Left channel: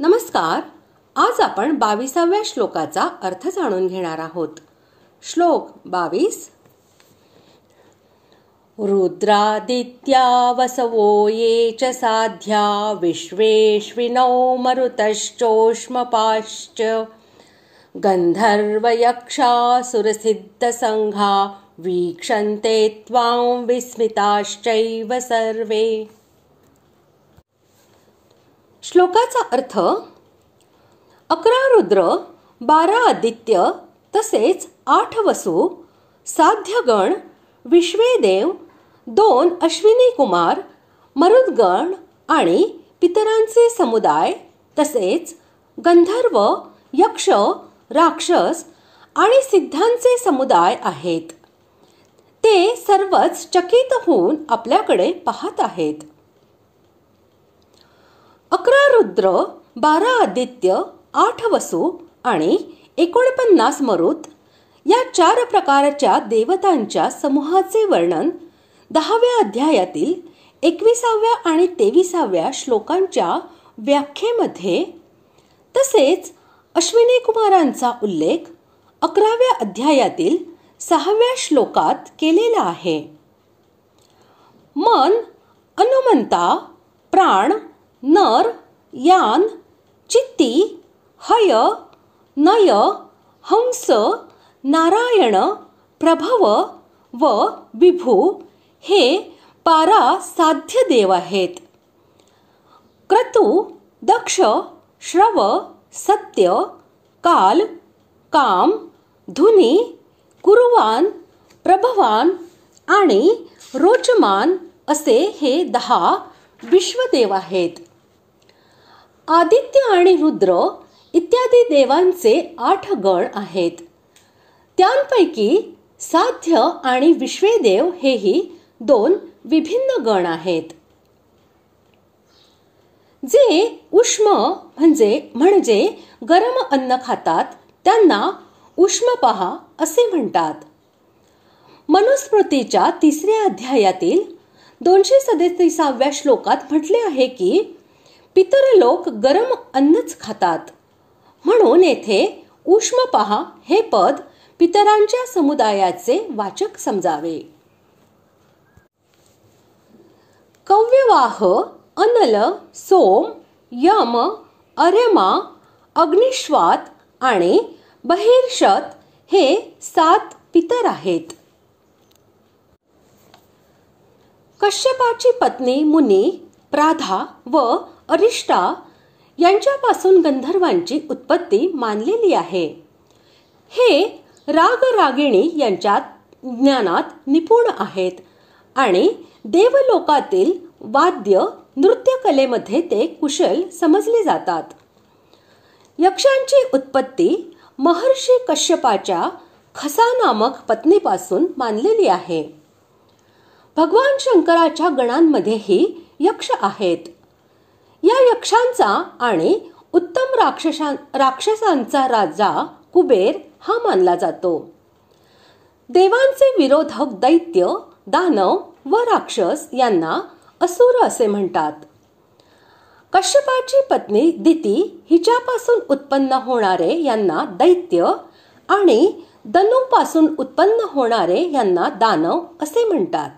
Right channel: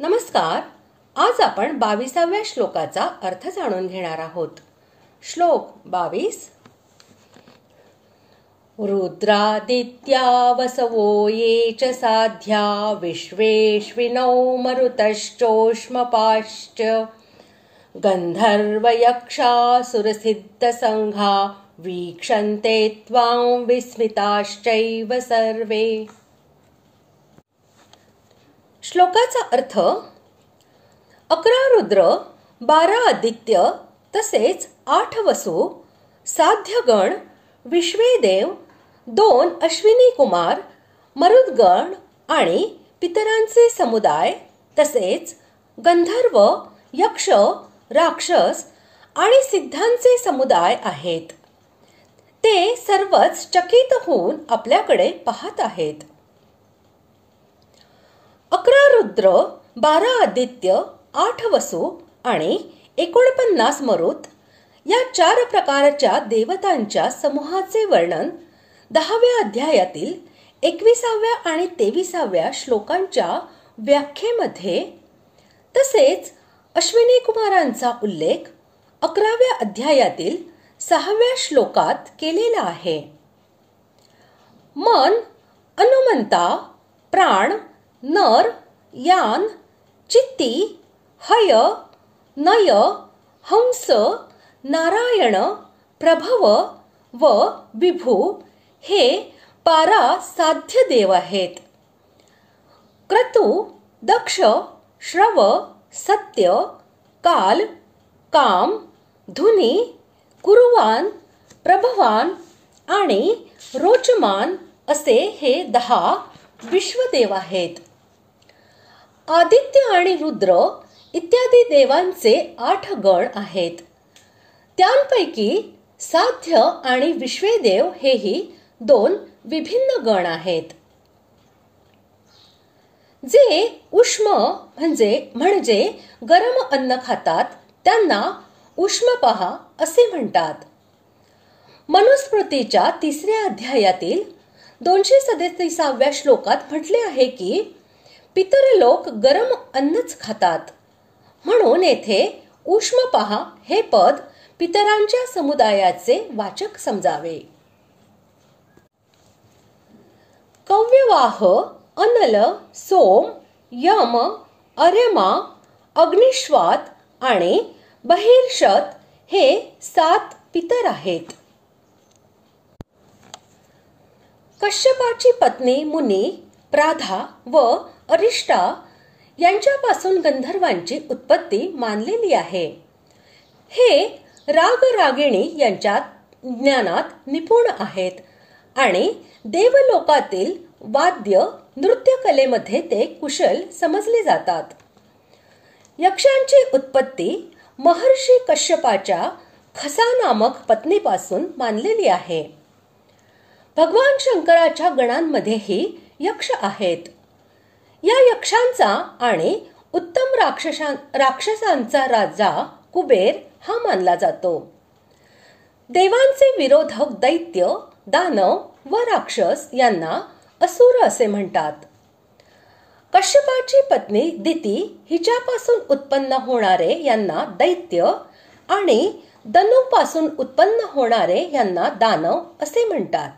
नमस्कार. आज आपण 22व्या श्लोकाचा अर्थ जाणून घेणार आहोत. श्लोक 22. रुद्रादित्या वसवो ये च साध्या विश्वेश्विनौ मरुतश्चोष्मपाश्च गंधर्वयक्षासुरसिद्धसंघा वीक्षन्ते त्वां विस्मिताश्चैव सर्वे. श्लोकाचा अर्थ: 11 रुद्र, 12 आदित्य तसेच 8 वसु, साध्यगण, विश्वेदेव, 2 अश्विनी कुमार, मरुद्गण आणि पितरांचे समुदाय तसेच गंधर्व, यक्ष, राक्षस आणि सिद्धांचे समुदाय आहेत. ते सर्वच चकित होऊन आपल्याकडे पाहत आहेत. 11 रुद्र, 12 आदित्य, 8 वसु आणि 49 मरुत या 4 प्रकारच्या देवतांच्या समूहाचे वर्णन 10व्या अध्यायातील 21व्या आणि 23व्या श्लोकांच्या व्याख्येमध्ये तसेच अश्विनी कुमारांचा उल्लेख 11व्या अध्यायातील 6व्या श्लोकात केलेला आहे. मन, अनुमंता, प्राण, नर, यान, चित्ती, हय, नय, हंस, नारायण, प्रभव व विभू हे 12 साध्य देव आहेत. क्रतु, दक्ष, श्रव, सत्य, काल, काम, धुनी, कुरुवान, प्रभवान आणि रोचमान असे हे 10 विश्वदेव आहेत. आदित्य आणि रुद्र इत्यादी देवांचे 8 गण आहेत. त्यांपैकी साध्य आणि विश्वेदेव हेही 2 विभिन्न गण आहेत. जे उष्म म्हणजे गरम अन्न खातात त्यांना उष्मपहा असे म्हणतात. मनुस्मृतीच्या 3ऱ्या अध्यायातील 237व्या श्लोकात म्हटले आहे की पितर लोक गरम अन्नच खातात, म्हणून येथे उष्मपहा हे पद पितरांच्या समुदायाचे वाचक समजावे. कव्यवाह, अनल, सोम, यम, अर्यमा, अग्निश्वात आणि बहिर्षत हे 7 पितर आहेत. कश्यपाची पत्नी मुनी, प्राधा व अरिष्टा यांच्यापासून गंधर्वांची उत्पत्ती मानलेली आहे. हे राग रागिणी यांच्या ज्ञानात निपुण आहेत आणि देवलोकातील वाद्य नृत्य कलेमध्ये ते कुशल समजले जातात. यक्षांची उत्पत्ती महर्षी कश्यपाच्या खसा नामक पत्नीपासून मानलेली आहे. भगवान शंकराच्या गणांमध्येही यक्ष आहेत. या यक्षांचा आणि उत्तम राक्षसांचा राजा कुबेर हा मानला जातो. देवांचे विरोधक दैत्य, दानव व राक्षस यांना असुर असे म्हणतात. कश्यपाची पत्नी दिती हिच्यापासून उत्पन्न होणारे यांना दैत्य आणि दनूपासून उत्पन्न होणारे यांना दानव असे म्हणतात.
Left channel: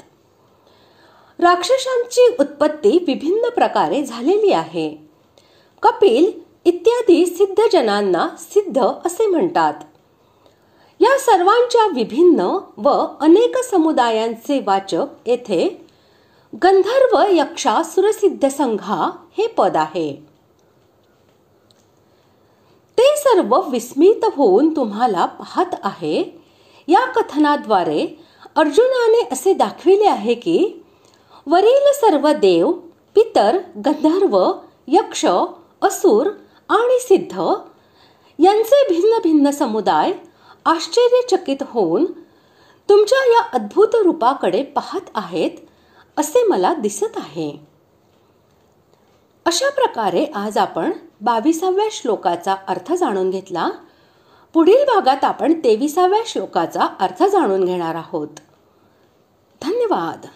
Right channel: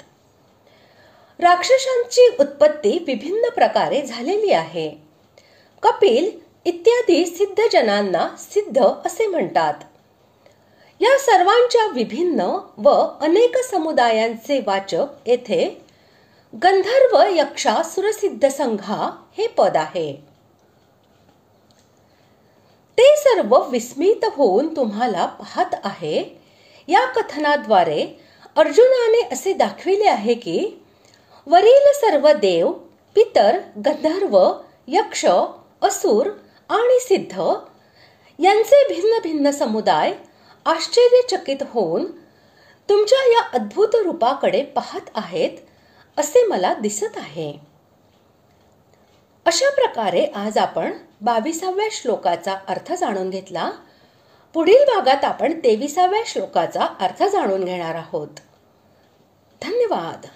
राक्षसांची उत्पत्ती विभिन्न प्रकारे झालेली आहे. कपिल इत्यादी सिद्ध जनांना सिद्ध असे म्हणतात. या सर्वांच्या विभिन्न व अनेक समुदायांचे वाचक येथे गंधर्व यक्षासुरसिद्ध संघा हे पद आहे. ते सर्व विस्मित होऊन तुम्हाला पाहत आहे. या कथनाद्वारे अर्जुनाने असे दाखविले आहे की वरील सर्व देव, पितर, गंधर्व, यक्ष, असुर आणि सिद्ध यांचे भिन्न भिन्न समुदाय आश्चर्यचकित होऊन तुमच्या या अद्भुत रूपाकडे पाहत आहेत असे मला दिसत आहे. अशा प्रकारे आज आपण 22व्या श्लोकाचा अर्थ जाणून घेतला. पुढील भागात आपण 23व्या श्लोकाचा अर्थ जाणून घेणार आहोत. धन्यवाद.